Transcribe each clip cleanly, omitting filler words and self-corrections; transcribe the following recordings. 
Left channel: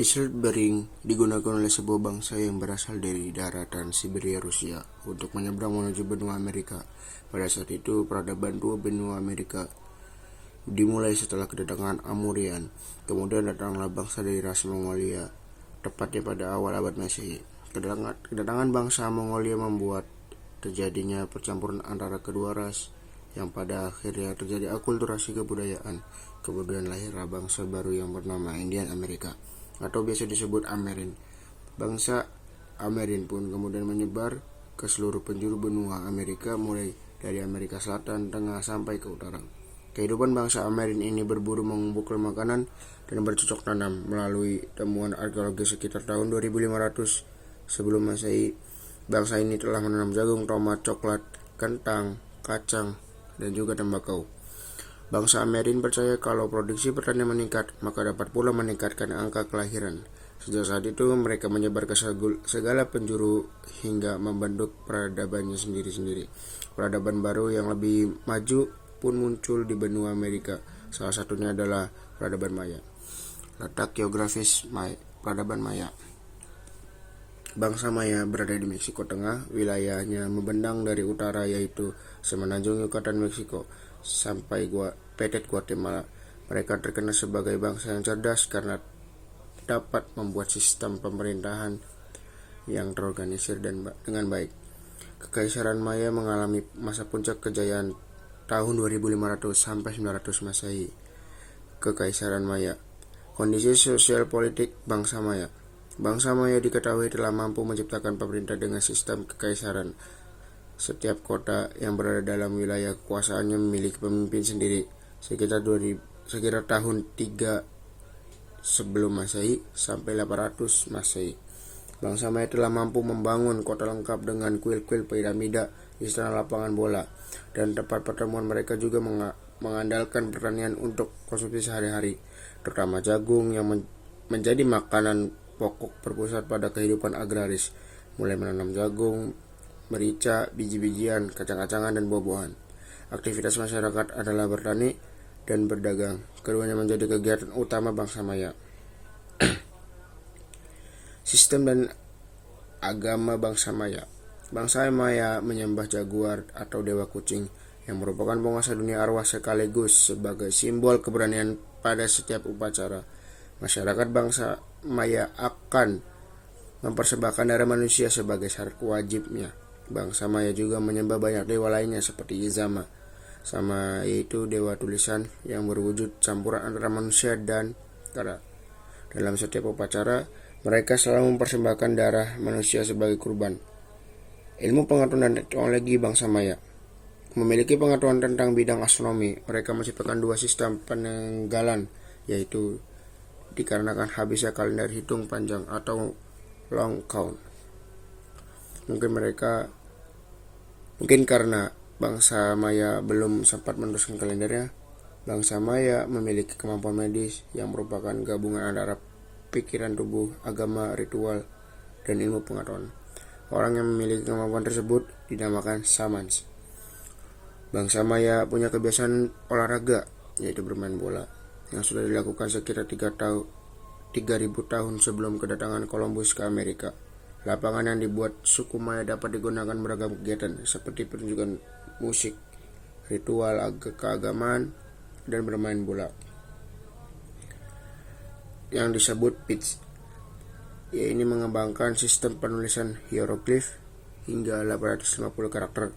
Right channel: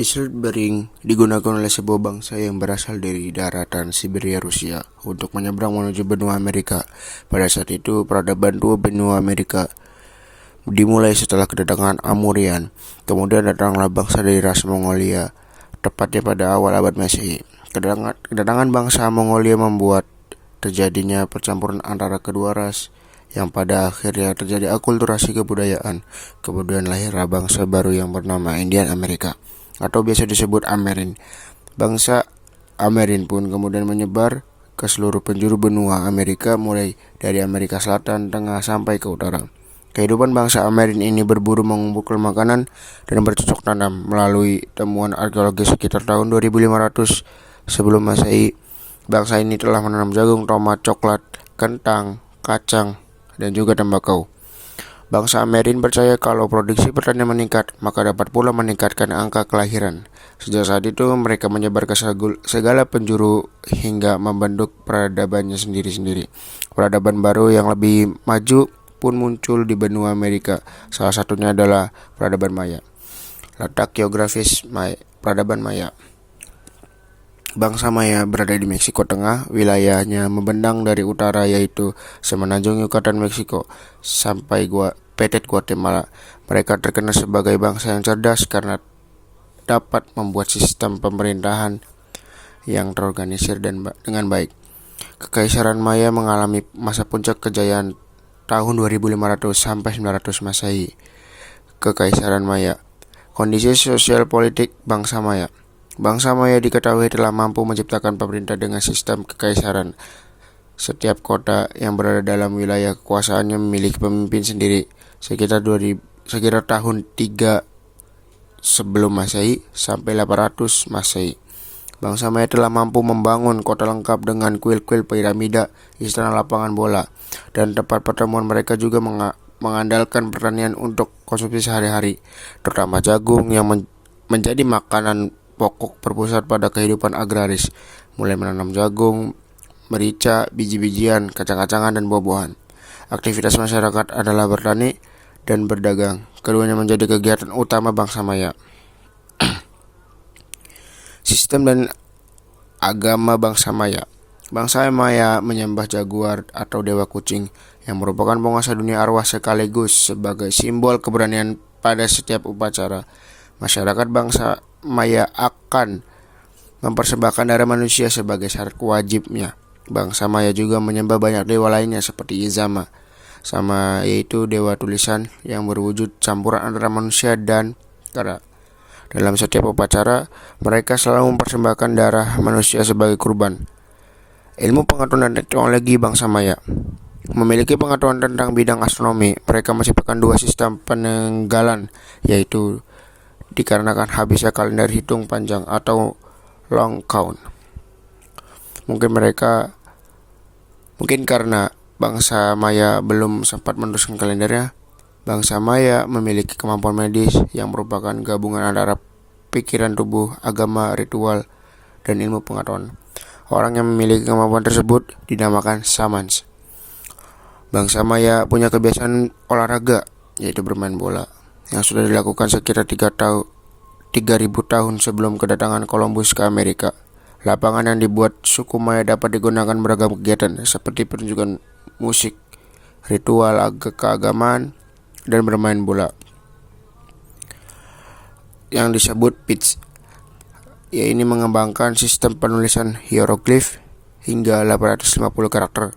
Isil Bering digunakan oleh sebuah bangsa yang berasal dari daratan Siberia Rusia untuk menyeberang menuju benua Amerika. Pada saat itu, peradaban dua benua Amerika dimulai setelah kedatangan Amurian. Kemudian datanglah bangsa dari ras Mongolia, tepatnya pada awal abad Masehi. Kedatangan bangsa Mongolia membuat terjadinya percampuran antara kedua ras yang pada akhirnya terjadi akulturasi kebudayaan. Kemudian lahirlah bangsa baru yang bernama Indian Amerika, atau biasa disebut Amerin. Bangsa Amerin pun kemudian menyebar ke seluruh penjuru benua Amerika, mulai dari Amerika Selatan, Tengah, sampai ke utara. Kehidupan bangsa Amerin ini berburu, mengumpulkan makanan, dan bercocok tanam. Melalui temuan arkeologi sekitar tahun 2500 sebelum Masehi, bangsa ini telah menanam jagung, tomat, coklat, kentang, kacang, dan juga tembakau. Bangsa Amerin percaya kalau produksi pertanian meningkat, maka dapat pula meningkatkan angka kelahiran. Sejak saat itu, mereka menyebar ke segala penjuru hingga membentuk peradabannya sendiri-sendiri. Peradaban baru yang lebih maju pun muncul di benua Amerika. Salah satunya adalah peradaban Maya. Letak geografis peradaban Maya. Bangsa Maya berada di Meksiko Tengah. Wilayahnya membentang dari utara, yaitu semenanjung Yucatan Meksiko, sampai Petit Guatemala. Mereka terkenal sebagai bangsa yang cerdas karena dapat membuat sistem pemerintahan yang terorganisir dan dengan baik. Kekaisaran Maya mengalami masa puncak kejayaan tahun 2500 sampai 900 Masehi. Kekaisaran Maya. Kondisi sosial politik bangsa Maya. Bangsa Maya diketahui telah mampu menciptakan pemerintah dengan sistem kekaisaran. Setiap kota yang berada dalam wilayah kekuasaannya memiliki pemimpin sendiri. Sekitar tahun 3 sebelum Masehi sampai 800 Masehi, bangsa Maya telah mampu membangun kota lengkap dengan kuil-kuil piramida, istana, lapangan bola, dan tempat pertemuan. Mereka juga mengandalkan pertanian untuk konsumsi sehari-hari, terutama jagung yang menjadi makanan pokok berpusat pada kehidupan agraris, mulai menanam jagung, merica, biji-bijian, kacang-kacangan, dan buah-buahan. Aktivitas masyarakat adalah bertani dan berdagang. Keduanya menjadi kegiatan utama bangsa Maya. Sistem dan agama bangsa Maya. Bangsa Maya menyembah jaguar atau dewa kucing, yang merupakan penguasa dunia arwah sekaligus sebagai simbol keberanian pada setiap upacara. Masyarakat bangsa Maya akan mempersembahkan darah manusia sebagai syarat wajibnya. Bangsa Maya juga menyembah banyak dewa lainnya seperti Izama, yaitu dewa tulisan yang berwujud campuran antara manusia dan kera. Dalam setiap upacara, mereka selalu mempersembahkan darah manusia sebagai kurban. Ilmu pengetahuan dan teknologi bangsa Maya. Memiliki pengetahuan tentang bidang astronomi, mereka menciptakan dua sistem penanggalan, yaitu dikarenakan habisnya kalender hitung panjang atau long count. Mungkin karena bangsa Maya belum sempat meneruskan kalendernya, bangsa Maya memiliki kemampuan medis yang merupakan gabungan antara pikiran tubuh, agama, ritual, dan ilmu pengetahuan. Orang yang memiliki kemampuan tersebut dinamakan shamans. Bangsa Maya punya kebiasaan olahraga, yaitu bermain bola, yang sudah dilakukan sekitar 3.000 tahun sebelum kedatangan Columbus ke Amerika. Lapangan yang dibuat suku Maya dapat digunakan beragam kegiatan seperti pertunjukan musik, ritual keagamaan, dan bermain bola, yang disebut pitch. Ini mengembangkan sistem penulisan hieroglif hingga 850 karakter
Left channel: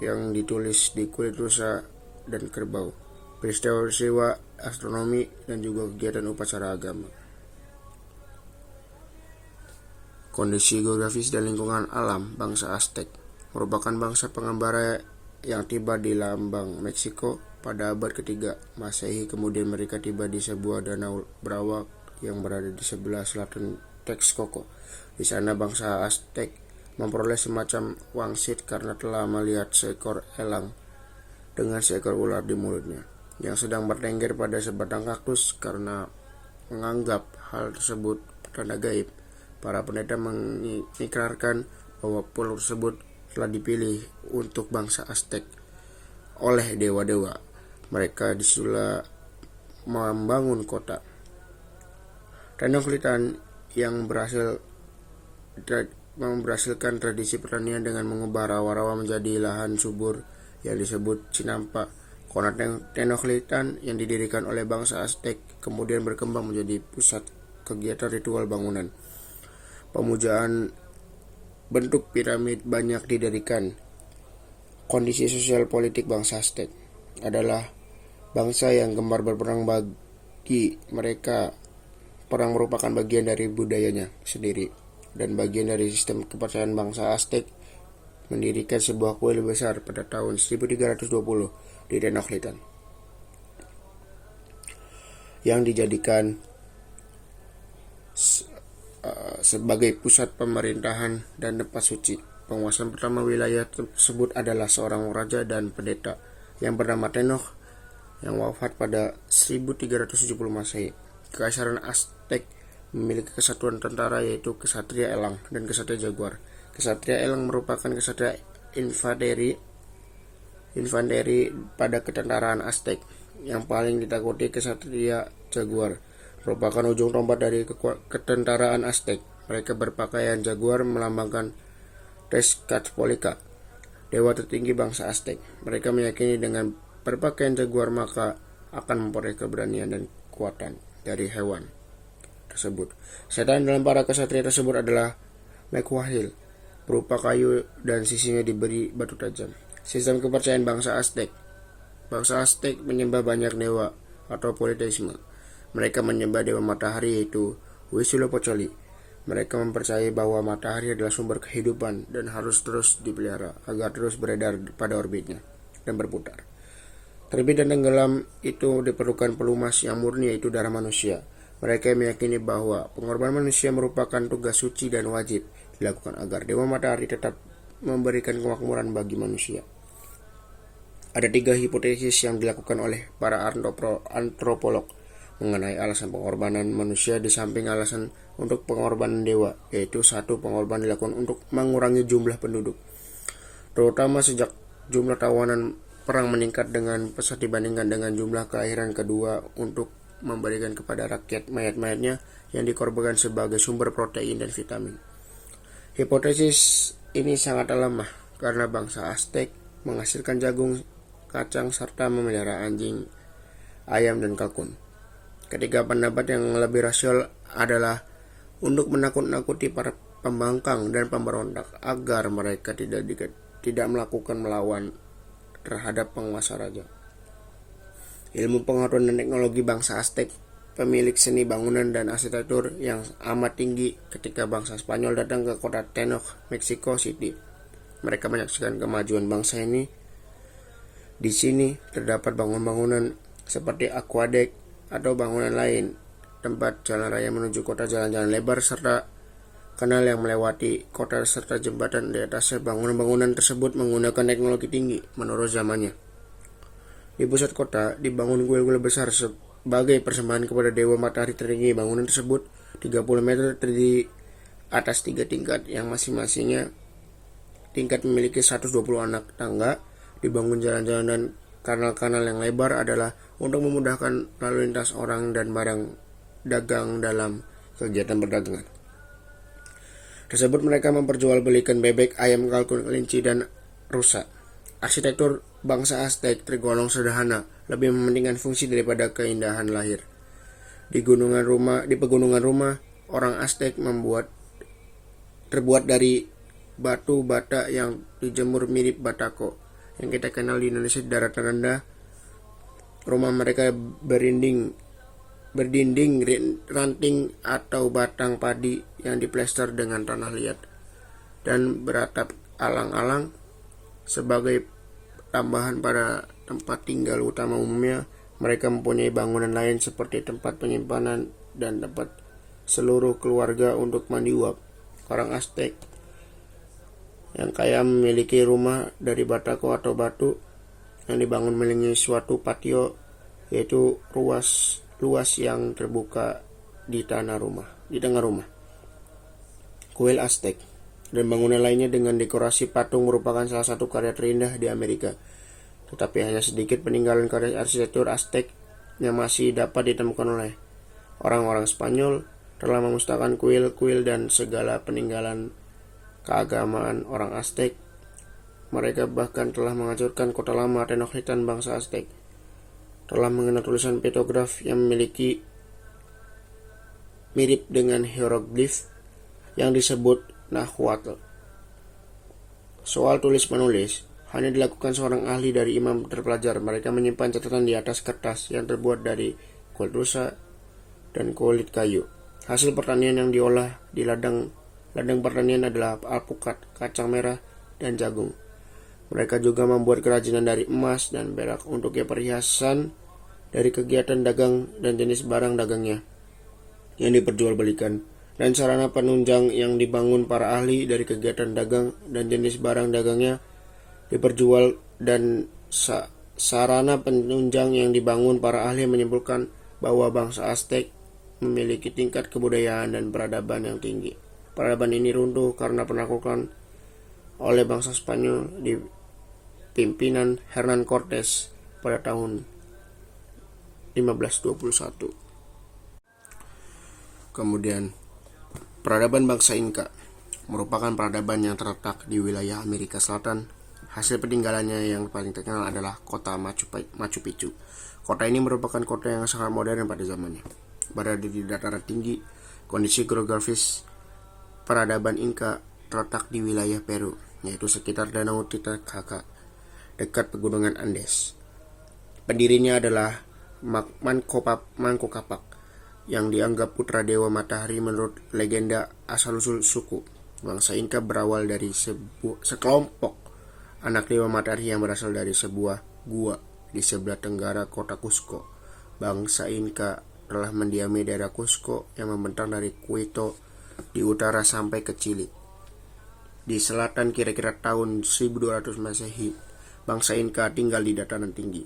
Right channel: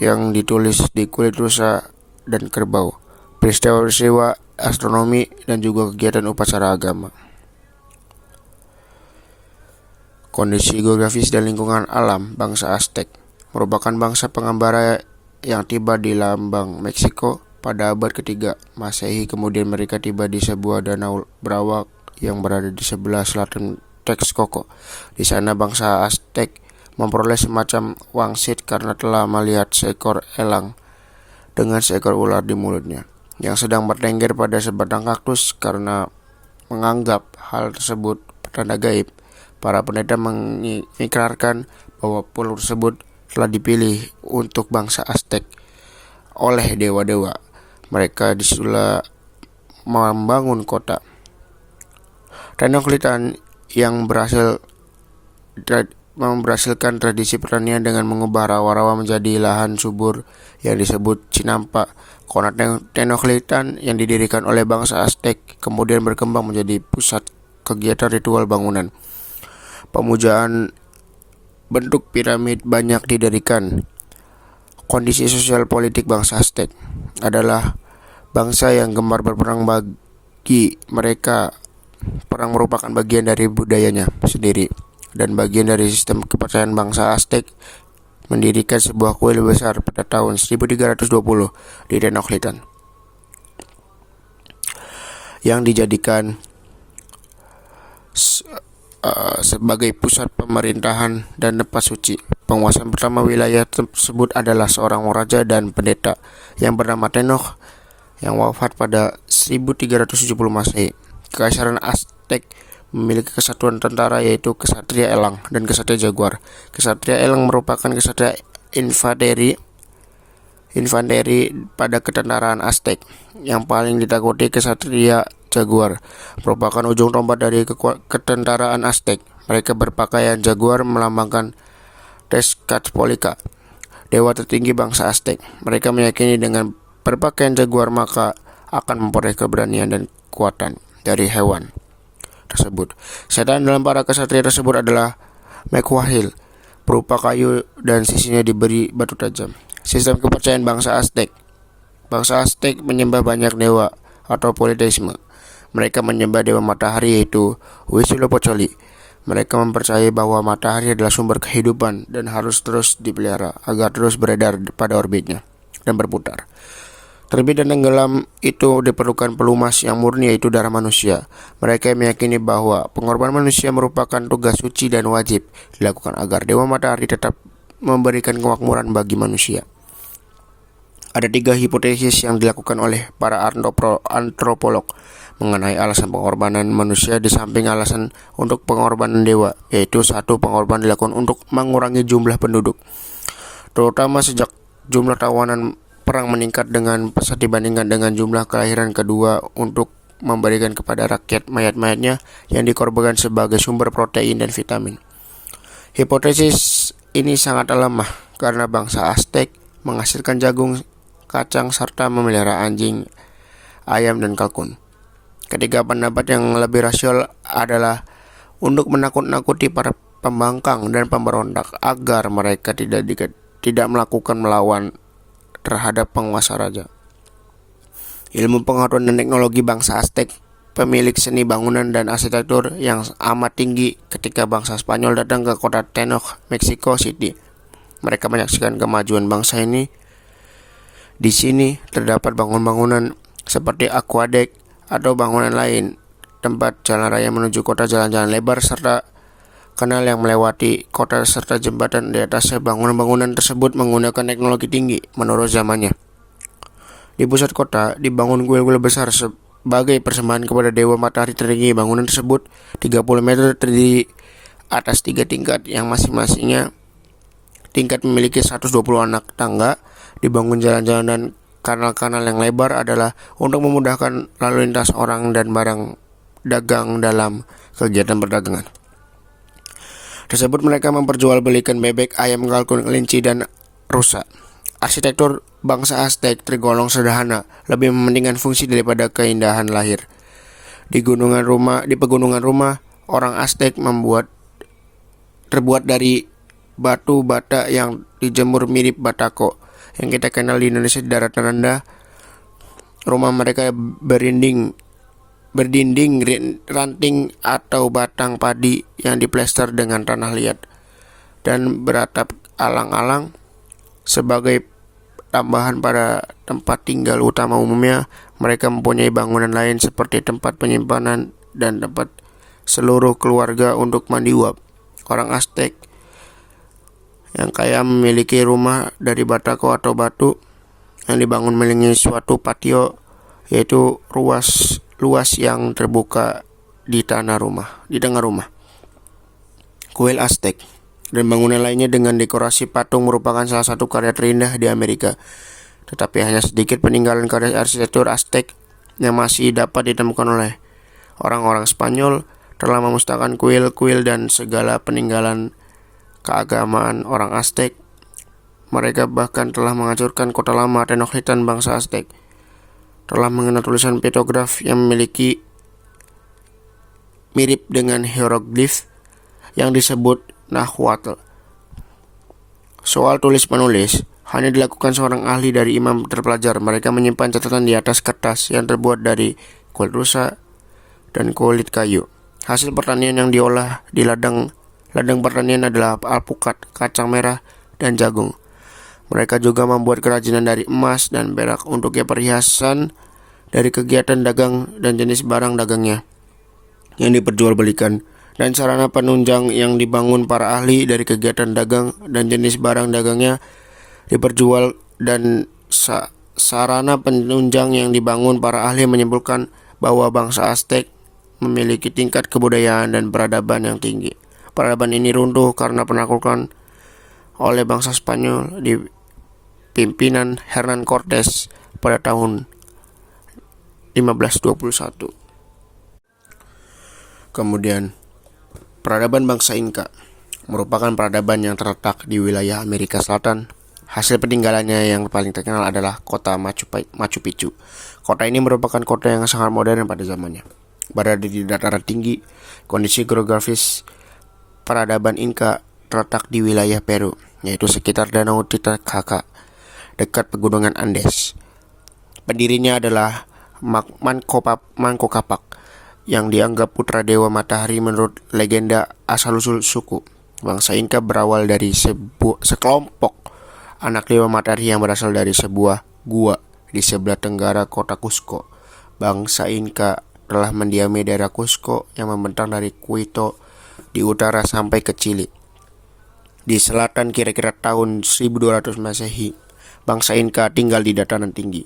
yang ditulis di kulit rusa dan kerbau, peristiwa-peristiwa astronomi, dan juga kegiatan upacara agama. Kondisi geografis dan lingkungan alam. Bangsa Aztec merupakan bangsa pengembara yang tiba di lambang Meksiko pada abad ketiga Masehi. Kemudian mereka tiba di sebuah danau berawak yang berada di sebelah selatan Texcoco. Di sana bangsa Aztec memperoleh semacam wangsit karena telah melihat seekor elang dengan seekor ular di mulutnya yang sedang bertengger pada sebatang kaktus. Karena menganggap hal tersebut pertanda gaib, para pendeta mengikrarkan bahwa pulau tersebut telah dipilih untuk bangsa Aztec oleh dewa-dewa. Mereka disitulah membangun kota. Tenochtitlan yang menghasilkan tradisi pertanian dengan mengubah rawa-rawa menjadi lahan subur yang disebut Cinampa. Kota Tenochtitlan yang didirikan oleh bangsa Aztec kemudian berkembang menjadi pusat kegiatan ritual bangunan. Pemujaan bentuk piramid banyak didirikan. Kondisi sosial politik bangsa Aztec adalah bangsa yang gemar berperang. Bagi mereka, perang merupakan bagian dari budayanya sendiri dan bagian dari sistem kepercayaan bangsa Aztec. Mendirikan sebuah kuil besar pada tahun 1320 di Tenochtitlan yang dijadikan sebagai pusat pemerintahan dan tempat suci. Penguasaan pertama wilayah tersebut adalah seorang raja dan pendeta yang bernama Tenoch yang wafat pada 1370 Masehi. Kekaisaran Aztec memiliki kesatuan tentara yaitu Kesatria Elang dan Kesatria Jaguar. Kesatria Elang merupakan kesatria infanteri pada ketentaraan Aztec. Yang paling ditakuti Kesatria Jaguar merupakan ujung tombak dari ketentaraan Aztec. Mereka berpakaian jaguar melambangkan Tezcatlipoca, dewa tertinggi bangsa Aztec. Mereka meyakini dengan berpakaian jaguar maka akan memperoleh keberanian dan kekuatan dari hewan tersebut. Setan dalam para kesatria tersebut adalah Mekhuahil, berupa kayu dan sisinya diberi batu tajam. Sistem kepercayaan bangsa Aztec. Bangsa Aztec menyembah banyak dewa atau politeisme. Mereka menyembah dewa matahari yaitu Huitzilopochtli. Mereka mempercayai bahwa matahari adalah sumber kehidupan dan harus terus dipelihara agar terus beredar pada orbitnya dan berputar. Terbit dan tenggelam itu diperlukan pelumas yang murni yaitu darah manusia. Mereka meyakini bahwa pengorbanan manusia merupakan tugas suci dan wajib dilakukan agar dewa matahari tetap memberikan kemakmuran bagi manusia. Ada 3 hipotesis yang dilakukan oleh para antropolog mengenai alasan pengorbanan manusia di samping alasan untuk pengorbanan dewa, yaitu 1. Pengorbanan dilakukan untuk mengurangi jumlah penduduk, terutama sejak jumlah tawanan perang meningkat dengan pesat dibandingkan dengan jumlah kelahiran. 2. Untuk memberikan kepada rakyat mayat-mayatnya yang dikorbankan sebagai sumber protein dan vitamin. Hipotesis ini sangat lemah karena bangsa Aztec menghasilkan jagung, kacang, serta memelihara anjing, ayam, dan kalkun. Ketiga pendapat yang lebih rasional adalah untuk menakut-nakuti para pembangkang dan pemberontak agar mereka tidak melakukan melawan terhadap penguasa raja. Ilmu pengetahuan dan teknologi bangsa Aztec, pemilik seni bangunan dan arsitektur yang amat tinggi ketika bangsa Spanyol datang ke kota Tenoch, Mexico City. Mereka menyaksikan kemajuan bangsa ini. Di sini terdapat bangunan-bangunan seperti aqueduct atau bangunan lain, tempat jalan raya menuju kota, jalan-jalan lebar, serta kanal yang melewati kota serta jembatan di atasnya. Bangunan-bangunan tersebut menggunakan teknologi tinggi menurut zamannya. Di pusat kota dibangun kuil-kuil besar sebagai persembahan kepada dewa matahari tertinggi. Bangunan tersebut 30 meter terdiri atas 3 tingkat yang masing-masingnya tingkat memiliki 120 anak tangga. Dibangun jalan-jalan dan kanal-kanal yang lebar adalah untuk memudahkan lalu lintas orang dan barang dagang dalam kegiatan perdagangan tersebut. Mereka memperjualbelikan bebek, ayam, kalkun, kelinci, dan rusa. Arsitektur bangsa Aztec tergolong sederhana, lebih mementingkan fungsi daripada keindahan lahir. Di pegunungan rumah orang Aztec terbuat dari batu bata yang dijemur mirip batako yang kita kenal di Indonesia di daratan rendah. Rumah mereka berdinding ranting atau batang padi yang diplester dengan tanah liat dan beratap alang-alang. Sebagai tambahan pada tempat tinggal utama umumnya, mereka mempunyai bangunan lain seperti tempat penyimpanan dan tempat seluruh keluarga untuk mandi uap. Orang Aztec yang kaya memiliki rumah dari batako atau batu yang dibangun mengelilingi suatu patio, yaitu luas yang terbuka di tengah rumah. Kuil Aztec dan bangunan lainnya dengan dekorasi patung merupakan salah satu karya terindah di Amerika. Tetapi hanya sedikit peninggalan karya arsitektur Aztec yang masih dapat ditemukan oleh orang-orang Spanyol telah memusnahkan kuil-kuil dan segala peninggalan keagamaan orang Aztec. Mereka bahkan telah menghancurkan kota lama Tenochtitlan bangsa Aztec. Telah mengenal tulisan pektograf yang memiliki mirip dengan hieroglif yang disebut Nahuatl. Soal tulis-menulis hanya dilakukan seorang ahli dari imam terpelajar. Mereka menyimpan catatan di atas kertas yang terbuat dari kulit rusa dan kulit kayu. Hasil pertanian yang diolah di ladang pertanian adalah alpukat, kacang merah, dan jagung. Mereka juga membuat kerajinan dari emas dan perak untuk perhiasan dari kegiatan dagang dan jenis barang dagangnya yang diperjualbelikan, dan sarana penunjang yang dibangun para ahli dari kegiatan dagang dan jenis barang dagangnya diperjual, dan sarana penunjang yang dibangun para ahli menyimpulkan bahwa bangsa Aztec memiliki tingkat kebudayaan dan peradaban yang tinggi. Peradaban ini runtuh karena penaklukan oleh bangsa Spanyol di pimpinan Hernán Cortés pada tahun 1521. Kemudian, peradaban bangsa Inca merupakan peradaban yang terletak di wilayah Amerika Selatan. Hasil peninggalannya yang paling terkenal adalah kota Machu Picchu. Kota ini merupakan kota yang sangat modern pada zamannya. Berada di dataran tinggi, kondisi geografis peradaban Inca terletak di wilayah Peru, yaitu sekitar Danau Titicaca, dekat pegunungan Andes. Pendirinya adalah Manco Capac, yang dianggap putra dewa matahari menurut legenda asal-usul suku. Bangsa Inca berawal dari sekelompok anak dewa matahari yang berasal dari sebuah gua di sebelah tenggara kota Cusco. Bangsa Inca telah mendiami daerah Cusco yang membentang dari Quito di utara sampai ke Chile. Di selatan kira-kira tahun 1200 Masehi, bangsa Inca tinggal di dataran tinggi.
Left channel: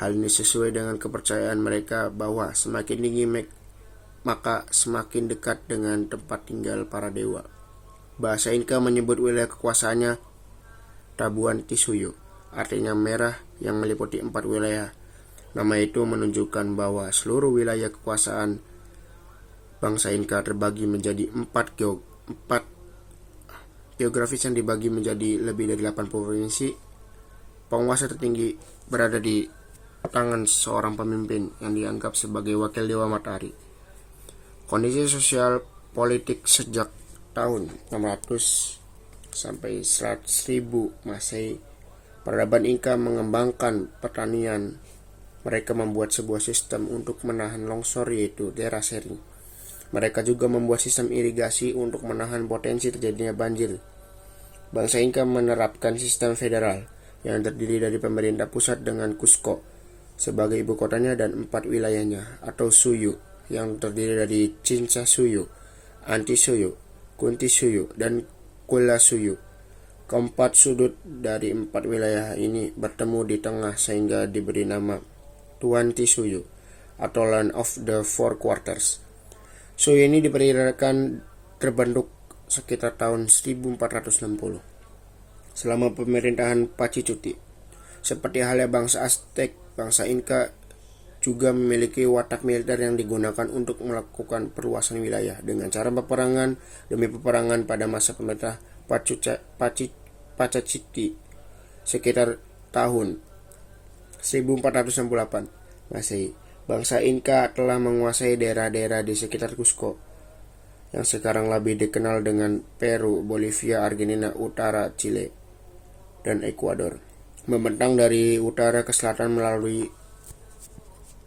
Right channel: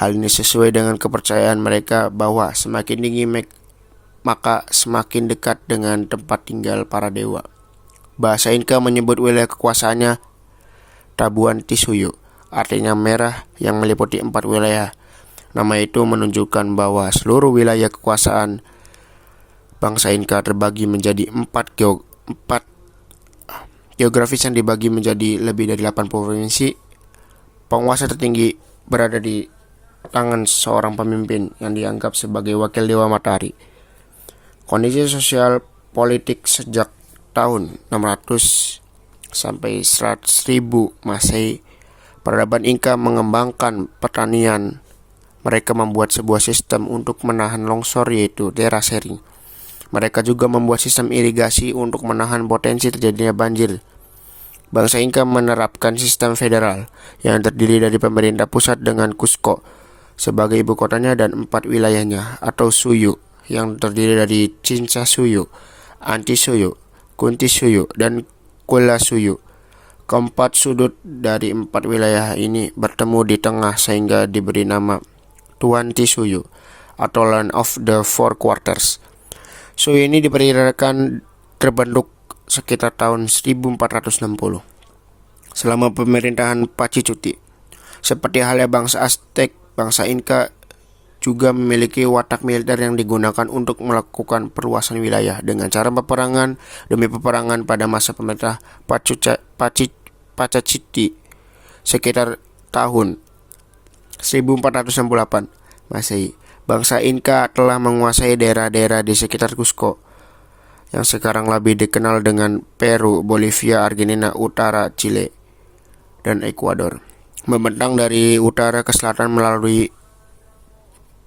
Hal ini sesuai dengan kepercayaan mereka bahwa semakin tinggi maka semakin dekat dengan tempat tinggal para dewa. Bahasa Inca menyebut wilayah kekuasaannya Tabuan Tisuyu, artinya merah yang meliputi 4 wilayah. Nama itu menunjukkan bahwa seluruh wilayah kekuasaan bangsa Inca terbagi menjadi 4 geografis yang dibagi menjadi lebih dari 80 provinsi. Penguasa tertinggi berada di tangan seorang pemimpin yang dianggap sebagai wakil dewa matahari. Kondisi sosial politik sejak tahun 600 sampai 100.000 Masehi, peradaban Inca mengembangkan pertanian. Mereka membuat sebuah sistem untuk menahan longsor, yaitu terasering. Mereka juga membuat sistem irigasi untuk menahan potensi terjadinya banjir. Bangsa Inca menerapkan sistem federal yang terdiri dari pemerintah pusat dengan Cusco sebagai ibu kotanya dan 4 wilayahnya atau suyu yang terdiri dari Chinsasuyu, Antisuyu, Kuntisuyu, dan Kulasuyu. Keempat sudut dari 4 wilayah ini bertemu di tengah sehingga diberi nama Tuantisuyu atau Land of the Four Quarters. Suyu ini diperkirakan terbentuk sekitar tahun 1460 selama pemerintahan Pachicuti. Seperti halnya bangsa Aztec, bangsa Inca juga memiliki watak militer yang digunakan untuk melakukan perluasan wilayah dengan cara peperangan demi peperangan. Pada masa pemerintah Pachacuti sekitar tahun 1468 Masehi, bangsa Inca telah menguasai daerah-daerah di sekitar Cusco yang sekarang lebih dikenal dengan Peru, Bolivia, Argentina, utara Chile, dan Ekuador. Membentang dari utara ke selatan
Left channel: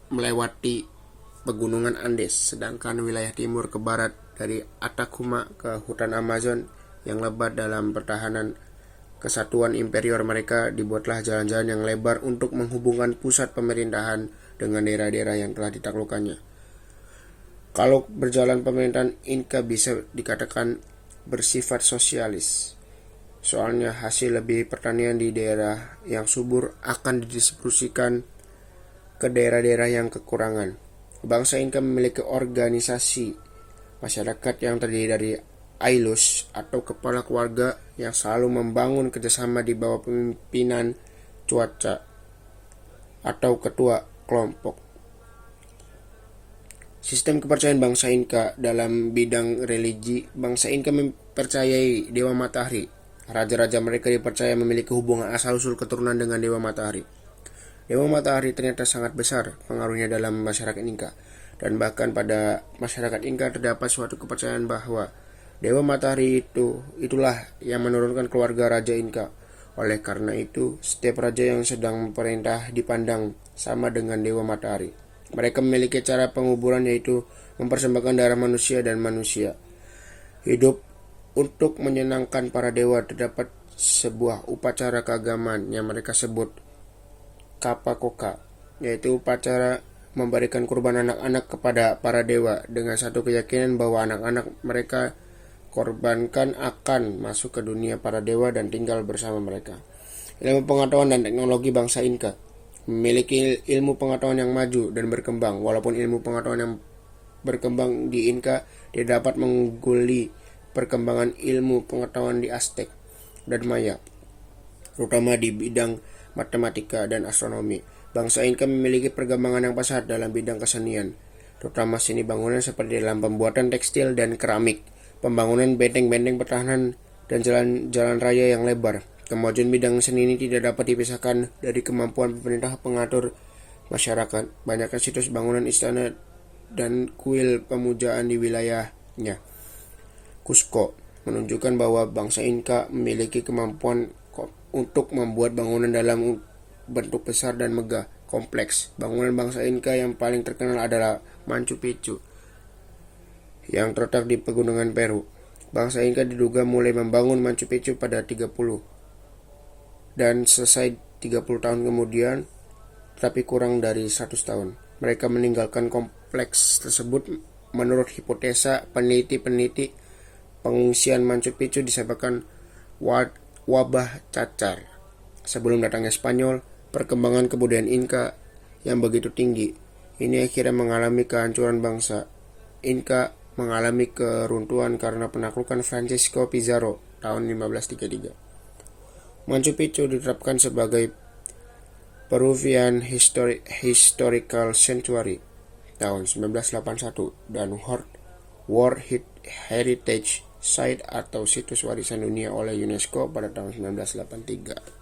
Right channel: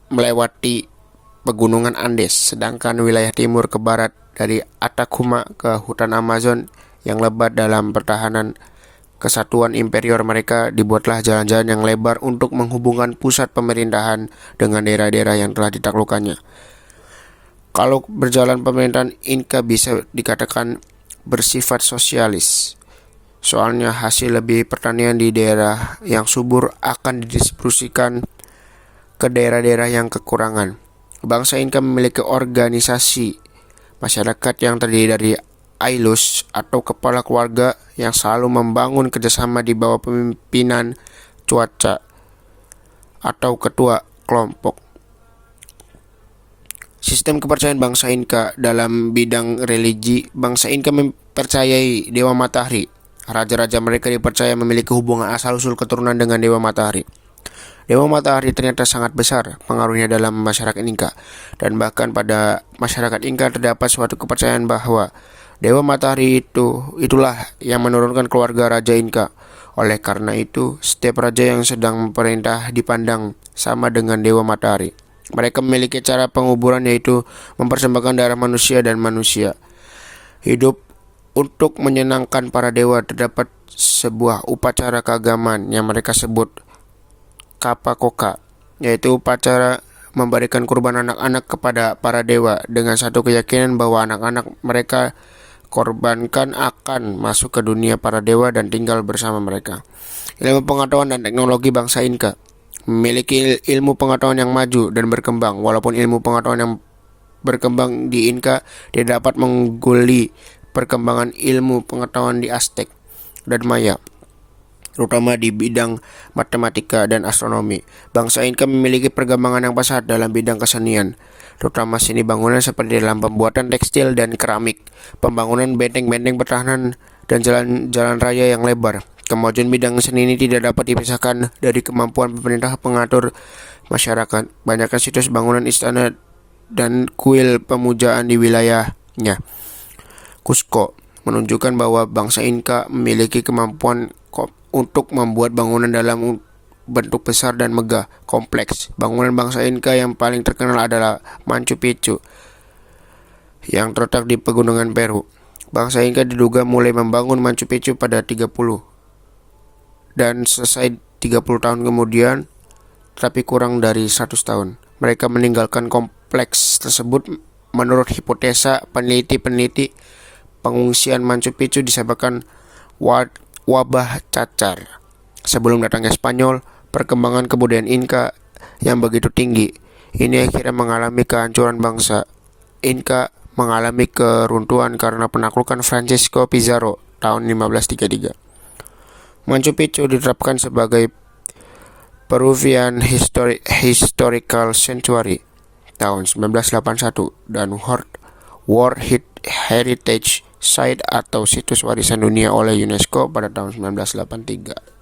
melewati pegunungan Andes, sedangkan wilayah timur ke barat dari Atacama ke hutan Amazon yang lebat. Dalam pertahanan kesatuan imperior mereka, dibuatlah jalan-jalan yang lebar untuk menghubungkan pusat pemerintahan dengan daerah-daerah yang telah ditaklukkannya. Kalau berjalan pemerintahan Inca bisa dikatakan bersifat sosialis. Soalnya hasil lebih pertanian di daerah yang subur akan didistribusikan ke daerah-daerah yang kekurangan. Bangsa Inca memiliki organisasi masyarakat yang terdiri dari Aylus atau kepala keluarga yang selalu membangun kerjasama di bawah pemimpinan cuaca atau ketua kelompok. Sistem kepercayaan bangsa Inka dalam bidang religi, bangsa Inka mempercayai Dewa Matahari. Raja-raja mereka dipercaya memiliki hubungan asal-usul keturunan dengan Dewa Matahari. Dewa Matahari ternyata sangat besar pengaruhnya dalam masyarakat Inka, dan bahkan pada masyarakat Inka terdapat suatu kepercayaan bahwa Dewa Matahari itulah yang menurunkan keluarga Raja Inka. Oleh karena itu, setiap raja yang sedang memerintah dipandang sama dengan Dewa Matahari. Mereka memiliki cara penguburan yaitu mempersembahkan darah manusia dan manusia hidup untuk menyenangkan para dewa. Terdapat sebuah upacara keagamaan yang mereka sebut Kapakoka, yaitu upacara memberikan kurban anak-anak kepada para dewa dengan satu keyakinan bahwa anak-anak mereka korbankan akan masuk ke dunia para dewa dan tinggal bersama mereka. Ilmu pengetahuan dan teknologi bangsa Inka memiliki ilmu pengetahuan yang maju dan berkembang. Walaupun ilmu pengetahuan yang berkembang di Inka tidak dapat mengguli perkembangan ilmu pengetahuan di Aztec dan Maya, terutama di bidang matematika dan astronomi. Bangsa Inka memiliki perkembangan yang pesat dalam bidang kesenian, terutama seni bangunan seperti dalam pembuatan tekstil dan keramik, pembangunan benteng-benteng pertahanan, dan jalan-jalan raya yang lebar. Kemajuan bidang seni ini tidak dapat dipisahkan dari kemampuan pemerintah pengatur masyarakat. Banyaknya situs bangunan istana dan kuil pemujaan di wilayahnya. Cusco menunjukkan bahwa bangsa Inka memiliki kemampuan untuk membuat bangunan dalam bentuk besar dan megah, kompleks. Bangunan bangsa Inka yang paling terkenal adalah Machu Picchu yang terletak di pegunungan Peru. Bangsa Inka diduga mulai membangun Machu Picchu pada 30 dan selesai 30 tahun kemudian, tapi kurang dari 100 tahun. Mereka meninggalkan kompleks tersebut. Menurut hipotesa peneliti-peneliti, pengungsian Machu Picchu disebabkan wabah cacar. Sebelum datangnya Spanyol, perkembangan kebudayaan Inka yang begitu tinggi ini akhirnya mengalami kehancuran. Bangsa Inka mengalami keruntuhan karena penaklukan Francisco Pizarro tahun 1533. Machu Picchu diterapkan sebagai Peruvian Historical Sanctuary tahun 1981 dan World Heritage Site atau situs warisan dunia oleh UNESCO pada tahun 1983.